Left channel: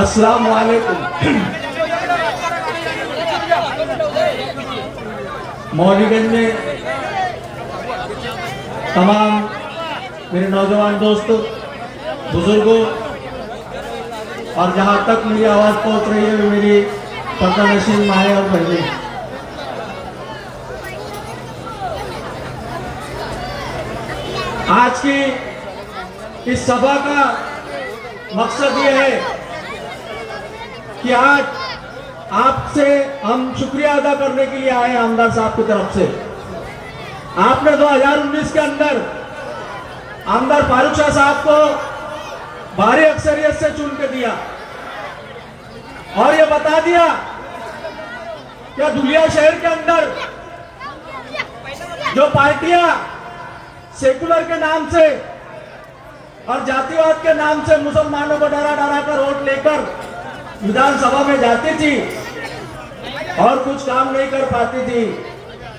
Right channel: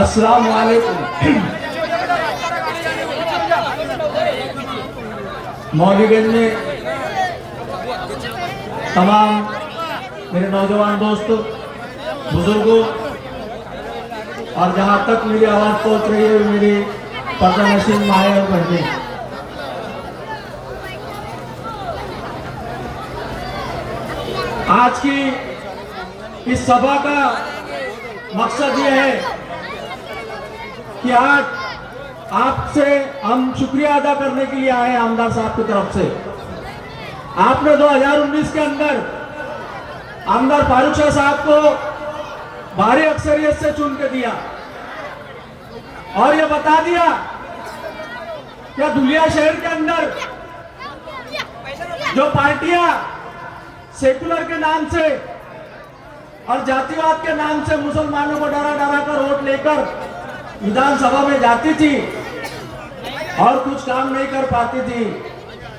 अस्सलाम वालेकुम। मौलीगंज में तमाम मेरे नौजवान दोस्तों, बुजुर्गों और जहाँ तक मेरी आवाज़ पहुँच रही है मेरी पर्दा नशीन माए और बहने, आज की इस सभा का मकसद ये है कि आज आपसे हम शुक्रिया अदा करने के लिए आए आमदार साहब की तरफ से। आपने 2019 के अंदर आमदार फारूक शाह साहब को भारी अक्सरियत से चुन के दिया और ये बता दिया कि धुलिया शहर के अंदर जो पार्टियां सेकुलर के नाम से और जातिवाद के नाम से मुसलमानों को डरा डरा कर वोट लेकर विधानसभा में जाती थी और कुछ काम नहीं कर पाती थी,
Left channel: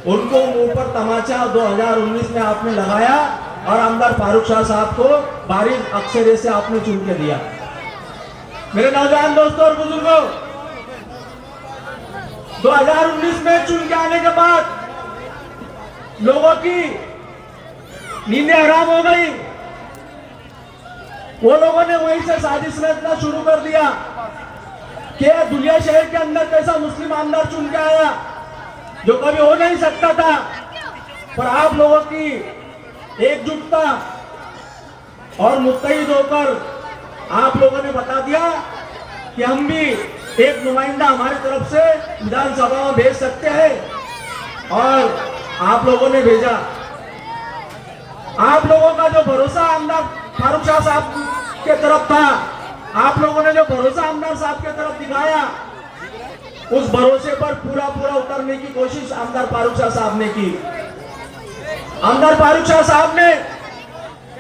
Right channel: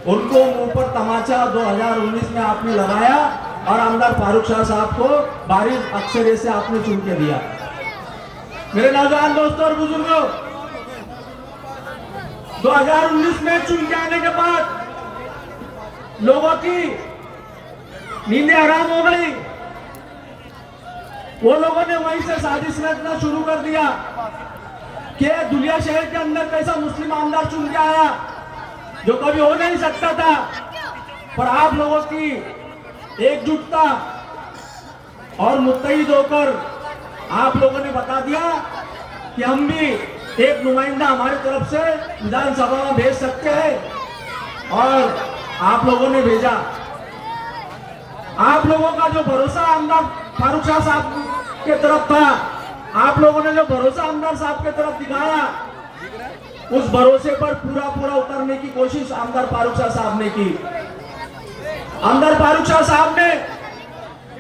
उनको मुंह पर तमाचा 2019 में आपने लगाया और आमदार फारूक शाह साहब को भारी अक्सरियत से आपने चुन के दिया। मेरे नौजवान दोस्तों और बुजुर्गों, 2019 में चुन के आने के बाद लोगों की नींदें हराम हो गई। वो लोगों ने वहीं से साजिश रचना शुरू कर दिया कि धुलिया शहर के अंदर कैसा मुस्लिम आमदार चुन के आया जो कभी हो नहीं सकता था। पर आप लोगों की एकजुटता और मुत्तहिद होकर आप लोगों ने बता दिया कि हम भी एक नुमाइंदा हमारी तरफ से विधानसभा में भेज सकते हैं और आप लोगों ने भेजा। आप लोगों का जो भरोसा आमदार फारूक शाह साहब के तरफ था, आप लोगों ने जो भरोसा आमदार साहब के तरफ दिखाया, उस भरोसे पर पूरा पूरा उतरने की कोशिश आमदार फारूक शाह साहब ने की। आमदार फारूक शाह साहब ने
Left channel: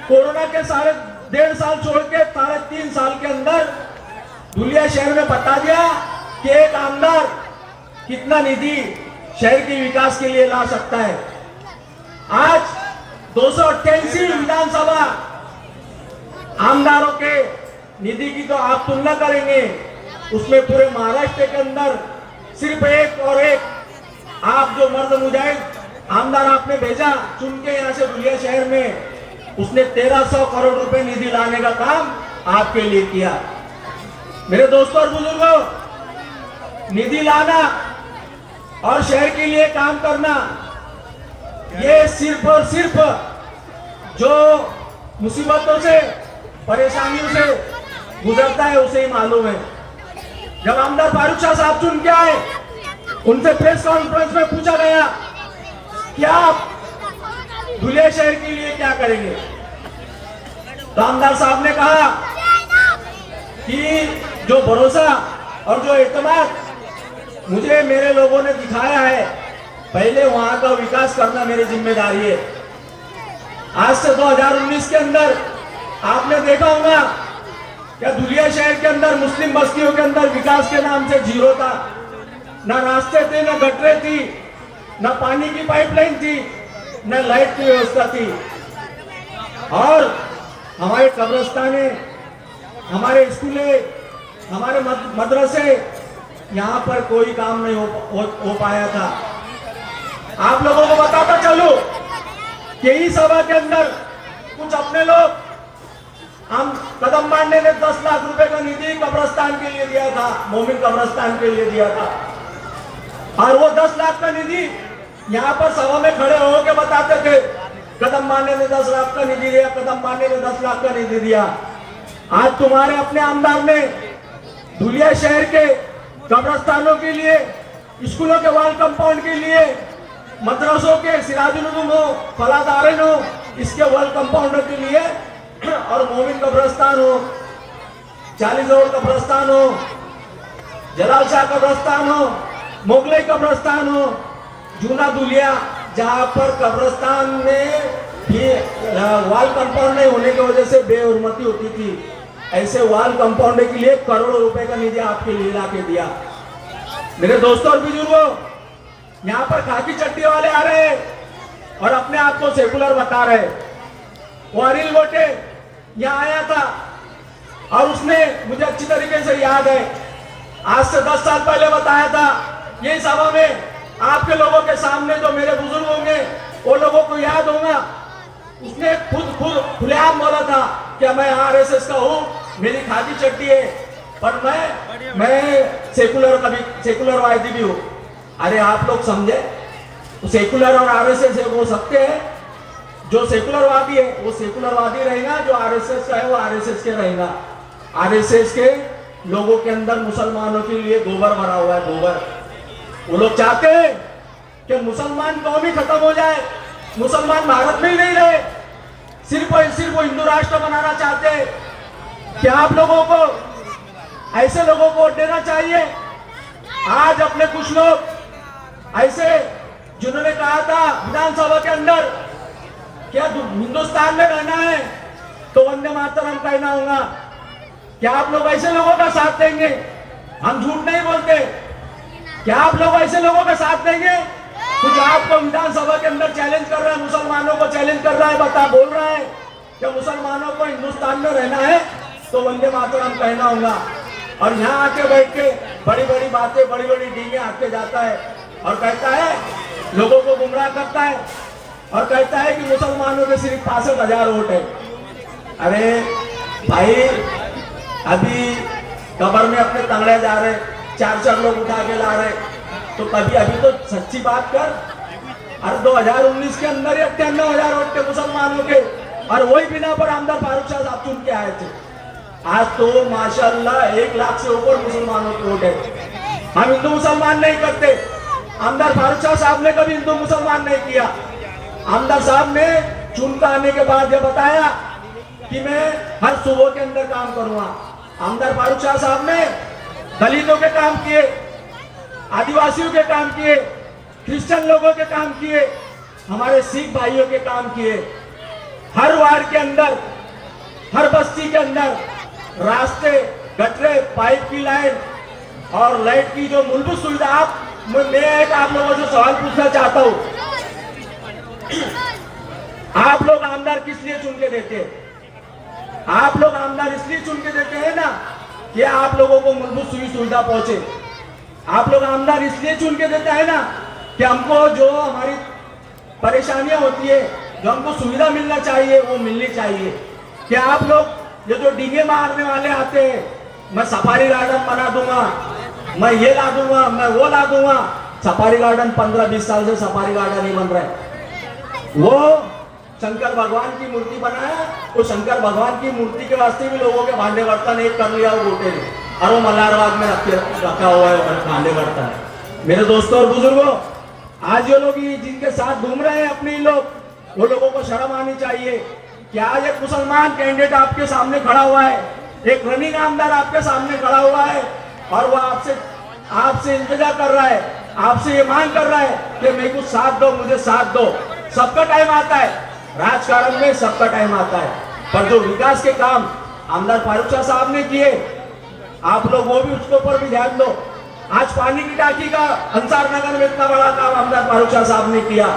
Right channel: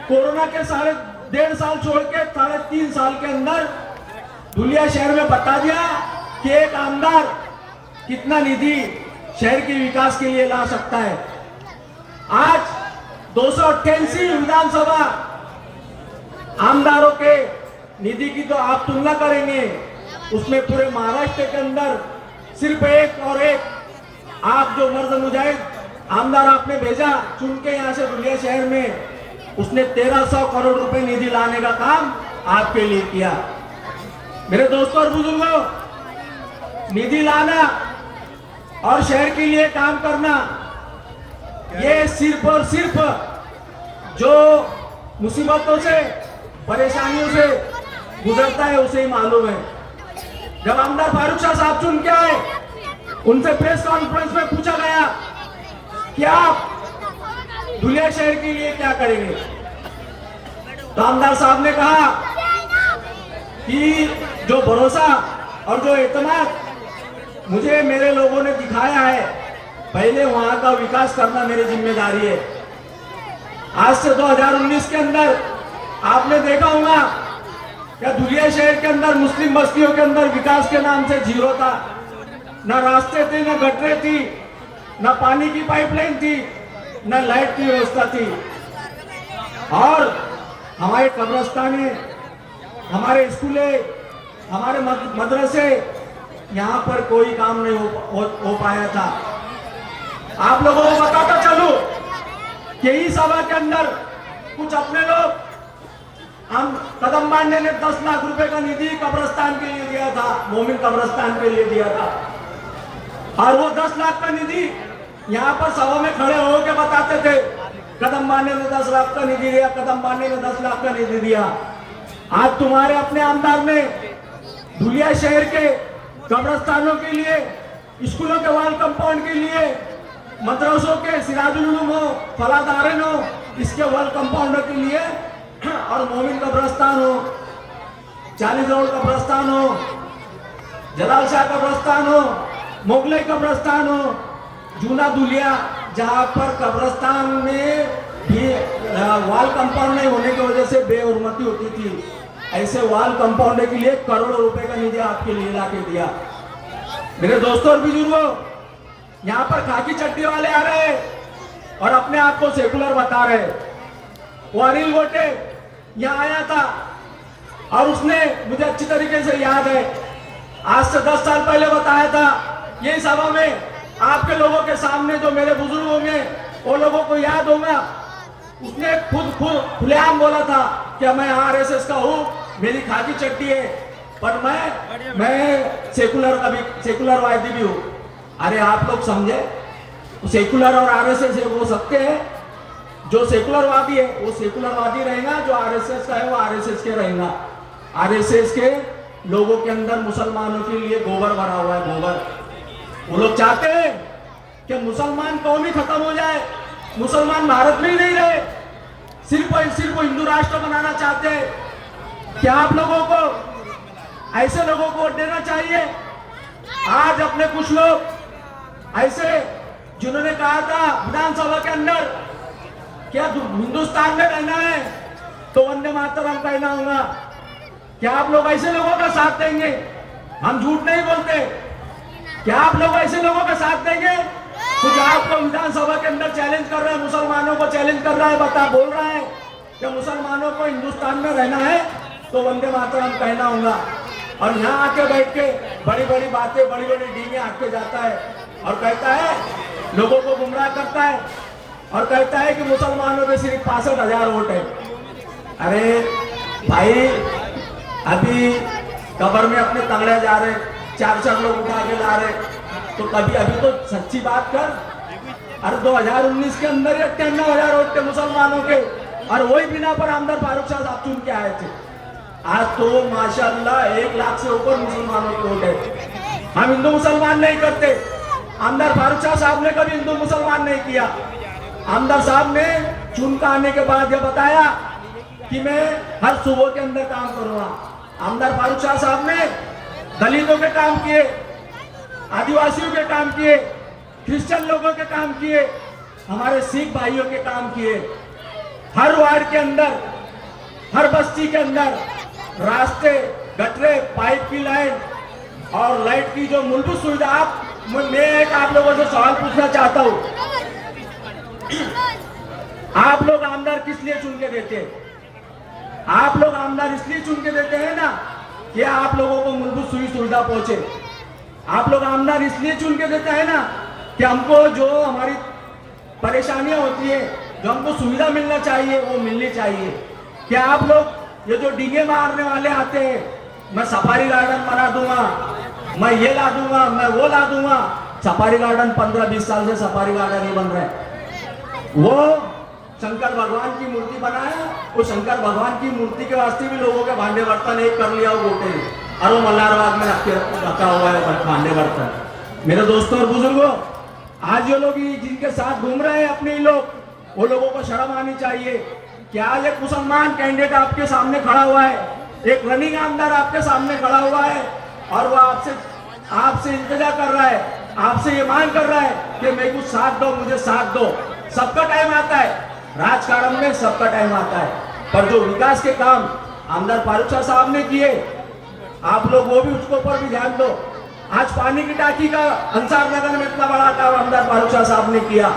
कोरोना के 1.5 साल छोड़ के 3.5 साल के अंदर धुलिया शहर में बता दिया कि एक आमदार कितना निधि शहर के विकास के लिए ला सकता है। आज 288 विधानसभा आमदारों के निधि की तो आप तुलना करेंगे, उसमें पूरे महाराष्ट्र के अंदर सिर्फ एक और एक आप जो मर्द मुजाहिद आमदार आपने भेजा चुन के यहाँ से धुलिया शहर में, उसने 1300 करोड़ रुपए निधि लाने का काम आपके लिए किया। मेरे दोस्तों और बुजुर्गों, निधि लाना और शहर के लिए काम करना, ये सिर्फ और सिर्फ जो मुसीबतों से परेशानियों से गुजरता है उसे ही मालूम है। जब आमदार फारूक शाह साहब चुन के आए, उनसे प्रेस कॉन्फ्रेंस में पूछा गया कि आप धुलिया शहर के लिए क्या करेंगे, तो आमदार साहब ने कहा कि जो भरोसा और जो एतमाद मुझे मेरे लोगों ने दिखाया है, पहले वहां का विकास करना मेरी जिम्मेदारी है। आज से 2019 के अंदर आपने देखा होगा कि धुलिया शहर के अंदर मुस्लिम बस्तियों के अंदर विकास के नाम से जीरो था, ना रास्ते थे, ना गटरे थी, ना पानी की पाइपलाइन थी, ना लाइट की व्यवस्था थी। और हमारे कब्रिस्ताने, हमारे स्कूले, हमारे मदरसे, यहाँ पर कोई काम नहीं हो पाया था। आप लोगों को बताता चलूं कि इस सभा के अंदर कुछ अपने लोग, हम कदम बांधने ने 10 लाख रुपए का निधि कब्रिस्तान के लिए दिया था, मोमिन कब्रिस्तान के लिए दिया था, और वो 10 लाख का निधि यहाँ पर सभा में खड़े होकर बताते थे कदम बांधने ने 10 लाख का निधि दिया, कदम बांधने ने 10 लाख का निधि दिया। आज तुम्हारे अपने आमदार ने धुलिया शहर के कब्रिस्तानों के लिए, स्कूलों के वाल कंपाउंड के लिए, मदरसों के सिराजुल उलूम हो, फलादारन हो, इसके वाल कंपाउंडर के लिए, और मोमिन कब्रिस्तान हो, 40 रोड कब्रिस्तान हो, जलाल शाह कब्रिस्तान हो, मुगलई कब्रिस्तान हो, जूना धुलिया, जहाँ पर कब्रिस्तान में भी वाल कंपाउंड नहीं होने की वजह से बेहुरमती होती थी, ऐसे वाल कंपाउंड के लिए करोड़ों रुपए का निधि आपके लिए ला के दिया। मेरे दोस्तों और बुजुर्गों, यहाँ पर खाकी चट्टी वाले आ रहे हैं और अपने आप को सेकुलर बता रहे हैं। वो अनिल गोटे यहाँ आया था और उसने मुझे अच्छी तरीके से याद है, आज से 10 साल पहले बताया था ये सभा में आपके लोगों के सामने, जो मेरे बुजुर्ग होंगे वो लोगों को याद होगा, उसने खुद खुलेआम बोला था कि मैं आरएसएस का हूँ, मेरी खाकी चट्टी है, पर मैं सेकुलरवादी भी हूँ। अरे आप लोग समझे, तो सेकुलर और आरएसएस हो सकते हैं। जो सेकुलरवादी है वो सेकुलरवादी रहेगा, जो आरएसएस का है वो आरएसएस के रहेगा। आरएसएस के लोगों के अंदर मुसलमानों के लिए गोबर भरा हुआ है, गोबर। वो लोग चाहते हैं कि मुसलमान कौम ही खत्म हो जाए, मुसलमान भारत में ही नहीं रहे, सिर्फ हिंदू राष्ट्र बनाना चाहते हैं। क्या आप लोगों को ऐसे लोगों को वोट देना चाहिए? आज अपने कुछ लोग ऐसे जिन्होंने कहा था विधानसभा के अंदर क्या हिंदुस्तान में रहना है तो वंदे मातरम कहना होगा, क्या आप लोग ऐसे लोगों का साथ देंगे? हम झूठ नहीं बोलते। क्या आप लोग ऐसे लोगों का साथ देंगे? कुछ आपको विधानसभा के अंदर चैलेंज कर रहे हैं, मुसलमानों को चैलेंज कर रहा है, बोल रहे हैं कि मुसलमानों को हिंदुस्तान में रहना है तो वंदे मातरम कहना होगा, और यहाँ आके बैठ के बड़ी बड़ी बातें, बड़ी बड़ी डींगे आके जाता है और कहता है, लोगों को गुमराह करता है और कहता है कि मुसलमानों के सिर्फ 65,000 वोट है। अरे भाई, अभी कब्र में अपने तंगड़े जा रहे, 4 लोग उठा के ला रहे, तो कभी अभी तो सच्ची बात कर। अरे 2019 के अंदर 93,000 वोट थे मुसलमानों के, और वही बिना पर आमदार फारूक शाह साहब चुन के आए थे। आज तो माशाल्लाह 1 लाख से ऊपर मुसलमानों के वोट है। हम हिंदू मुसलमान नहीं करते, आमदार फारूक शाह साहब ने कभी हिंदू मुसलमान नहीं किया। आमदार साहब ने चुन कर आने के बाद यह बताया कि मैं हर सूबों के अंदर काम करूंगा। आमदार फारूक शाह साहब ने दलितों के काम किए, आदिवासियों के काम किए, क्रिश्चियन लोगों के काम किए, हमारे सिख भाइयों के काम किए। हर वार्ड के अंदर, हर बस्ती के अंदर रास्ते, गटरे, पाइप की लाइन और लाइट की जो मूलभूत सुविधा। मैं एक आप लोगों से सवाल पूछना चाहता हूं, आप लोग आमदार किस लिए चुन के देते हैं? आप लोग आमदार इसलिए चुन के देते हैं ना कि आप लोगों को मूलभूत सुविधा पहुंचे। आप लोग आमदार इसलिए चुन के देते हैं ना कि हमको जो हमारी परेशानियां होती है, जो हमको सुविधा मिलना चाहिए वो मिलनी चाहिए। क्या आप लोग ये जो डींगे मारने वाले आते हैं, मैं सफारी गार्डन बना दूंगा, मैं ये ला दूंगा, मैं वो ला दूंगा। सफारी गार्डन 15-20 साल से सफारी गार्डन ही बन रहा है। वो शंकर भगवान की मूर्ति बनाया, वो शंकर भगवान की मूर्ति के वास्ते भी लोगों के भांडे बर्तन एक कर लिया वो गोटे, और वो मल्हारबाग में रखा हुआ है वो भांडे बर्तन। मेरे दोस्तों और बुजुर्गों, आज जो लोग जिनके साथ घूम रहे हैं अपने लोग, वो लोगों को शर्म आनी चाहिए कि आज एक मुसलमान कैंडिडेट आपके सामने खड़ा हुआ है, एक रनिंग आमदार आपके सामने खड़ा हुआ है, और वो आपसे इंतजार कर रहा है, आपसे ये मांग कर रहा है कि मेरे को साथ दो, मुझे साथ दो। सबका टाइम आता है, राजकारण में सबका टाइम आता है, पर जो विकास के काम आमदार फारूक शाह साहब ने किए, आप लोग वो भी उसके ऊपर भी ध्यान दो। आज पानी की टांकी का अंसार नगर में इतना बड़ा काम आमदार फारूक शाह साहब ने किया।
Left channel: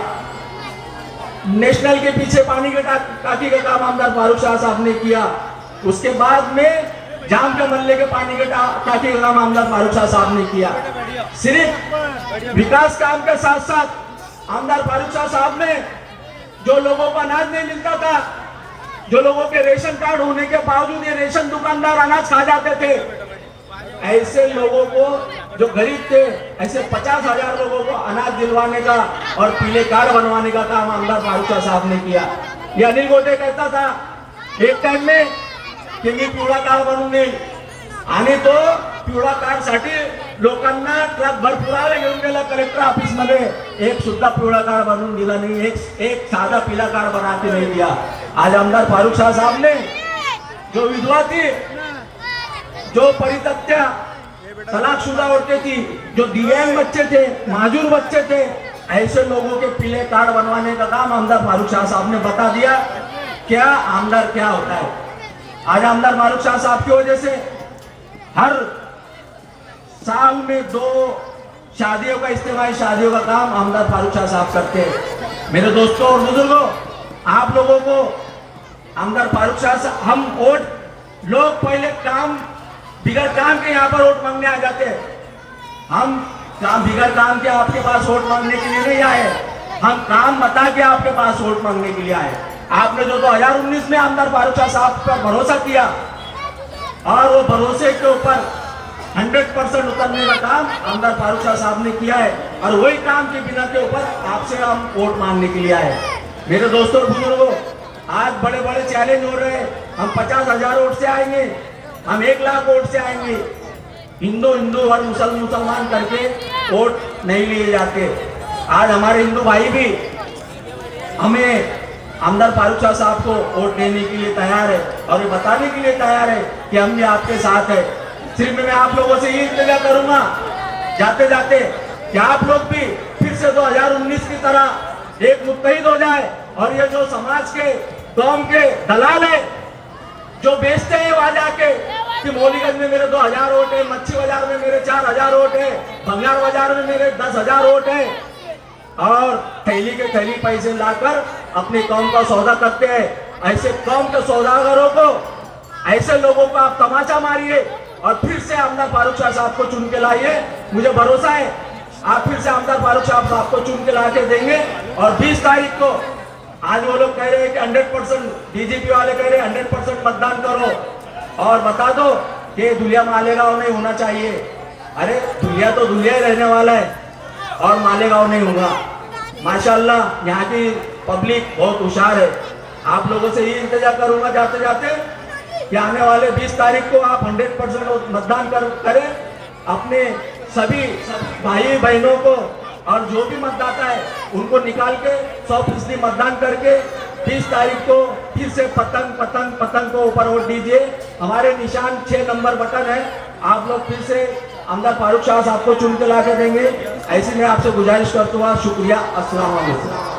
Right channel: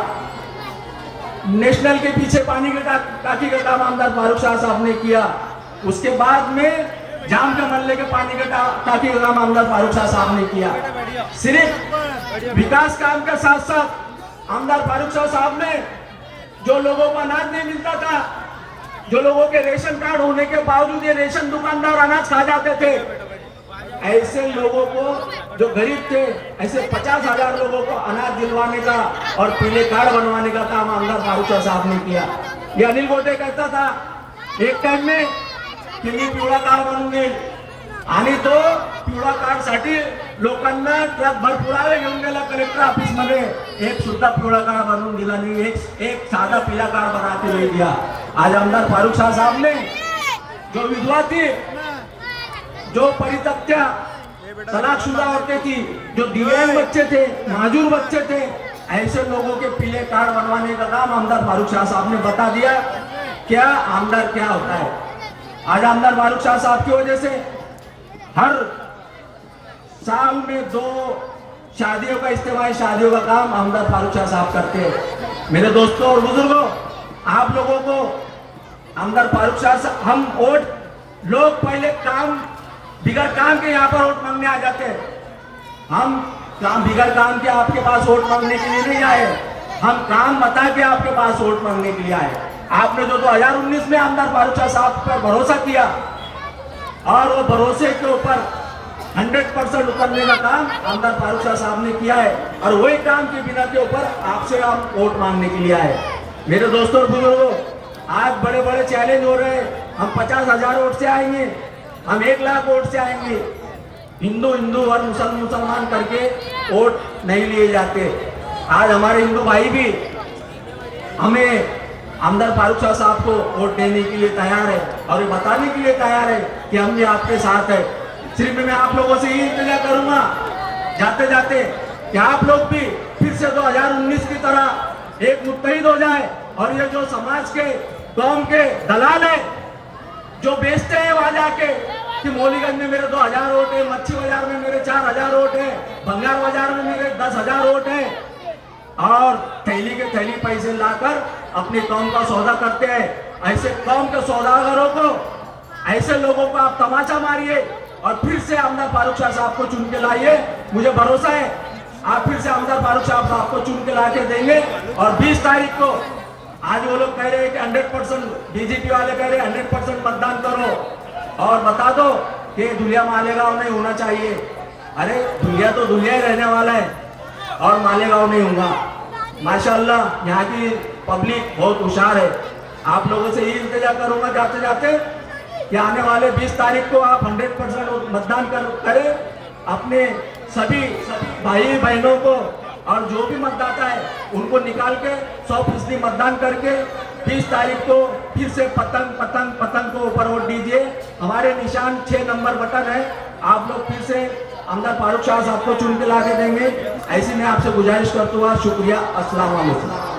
नेशनल के पीछे पानी की टांकी का काम आमदार फारूक शाह साहब ने किया। उसके बाद में जाम के मल्ले के पानी के टांकी का काम आमदार फारूक शाह साहब ने किया। सिर्फ विकास काम के साथ साथ आमदार फारूक शाह साहब ने जो लोगों को अनाज नहीं मिलता था, जो लोगों के रेशन कार्ड होने के बावजूद ये रेशन दुकानदार अनाज खा जाते थे, ऐसे लोगों को जो गरीब थे, ऐसे 50,000 लोगों को अनाज दिलवाने का और पीले कार्ड बनवाने का काम आमदार फारूक शाह साहब ने किया। ये अनिल गोटे कहता था एक टाइम में की मी पिवळा कार्ड बनवून देईल, आणि तो पिवळा कार्ड साठी लोकांना ट्रकभर पुरावे घेऊन गेला कलेक्टर ऑफिस मध्ये, एक सुद्धा पिवळा कार्ड बनवून दिला नहीं, एक साधा पीला कार्ड बना के नहीं दिया। आज आमदार फारूक शाह साहब ने जो विधवा थी, जो परित्यक्ता तलाकशुदा औरतें थी, जो दिव्यांग बच्चे थे, माजूर बच्चे थे, ऐसे लोगों के पीले कार्ड बनवाने का काम आमदार फारूक शाह साहब ने बता दिया। क्या आमदार क्या होता है? आज आमदार फारूक शाह साहब की वजह से हर साल में 2 शादियों का इज्तिमाई शादियों का काम आमदार फारूक शाह साहब करते हैं। मेरे दोस्तों और बुजुर्गों, आप लोगों को आमदार फारूक शाह साहब, हम वोट लोग पहले काम बिगड़ काम के यहाँ पर वोट मांगने आ जाते हैं। हम काम बिगड़ काम के आपके पास वोट मांगने के लिए नहीं आए, हम काम बता के आपके पास वोट मांगने के लिए आए। आपने जो 2019 में आमदार फारूक शाह साहब पर भरोसा किया और वो भरोसे के ऊपर 100% उतरने का काम आमदार फारूक शाह साहब ने किया है और वही काम की बिना के ऊपर आपसे हम वोट मांगने के लिए आए। मेरे दोस्तों और बुजुर्गों, आज बड़े बड़े चैलेंज हो रहे हैं। हम 50,000 वोट से आएंगे, हम 1 लाख वोट से आएंगे। हिंदू हिंदू और मुसलमान करके वोट नहीं लिए जाते। आज हमारे हिंदू भाई भी हमें आमदार फारूक शाह साहब को वोट देने के लिए तैयार है और ये बताने के लिए तैयार है कि हम ये आपके साथ है। सिर्फ मैं आप लोगों से ये इंतजार करूंगा जाते जाते कि आप लोग भी फिर से 2019 की तरह एक मुत्तहिद हो जाए और ये जो समाज के कौम के दलाल है जो बेचते हैं वादा के कि मौलीगंज में मेरे 2000 वोट है, मच्छी बाजार में मेरे 4000 वोट है, बंगाल बाजार में मेरे 10,000 वोट है और थैली के थैली पैसे लाकर अपने कौम का सौदा करते हैं। ऐसे कौम के सौदागरों को, ऐसे लोगों को आप तमाचा मारिए और फिर से आमदार फारूक शाह साहब को चुन के लाइए। मुझे भरोसा है आप फिर से आमदार फारूक शाह साहब को चुन के ला के देंगे। और 20 तारीख को आज वो लोग कह रहे हैं कि 100% बीजेपी वाले कह रहे हैं 100% मतदान करो और बता दो कि दुनिया मालेगांव नहीं होना चाहिए। अरे दुनिया तो दुनिया ही रहने वाला है और मालेगांव नहीं होगा। माशाल्लाह यहाँ की पब्लिक बहुत होशियार है। आप लोगों से ये इंतजार करूंगा जाते जाते कि आने वाले 20 तारीख को आप 100% मतदान करें। अपने सभी भाई बहनों को और जो भी मतदाता है उनको निकाल के 100% मतदान करके 20 तारीख को फिर से पतंग को ऊपर वोट दीजिए। हमारे निशान 6 नंबर बटन है। आप लोग फिर से आमदार फारूक शाह साहब को चुन के ला के देंगे। ऐसी मैं आपसे गुजारिश करता हूँ। शुक्रिया। अस्सलाम वालेकुम।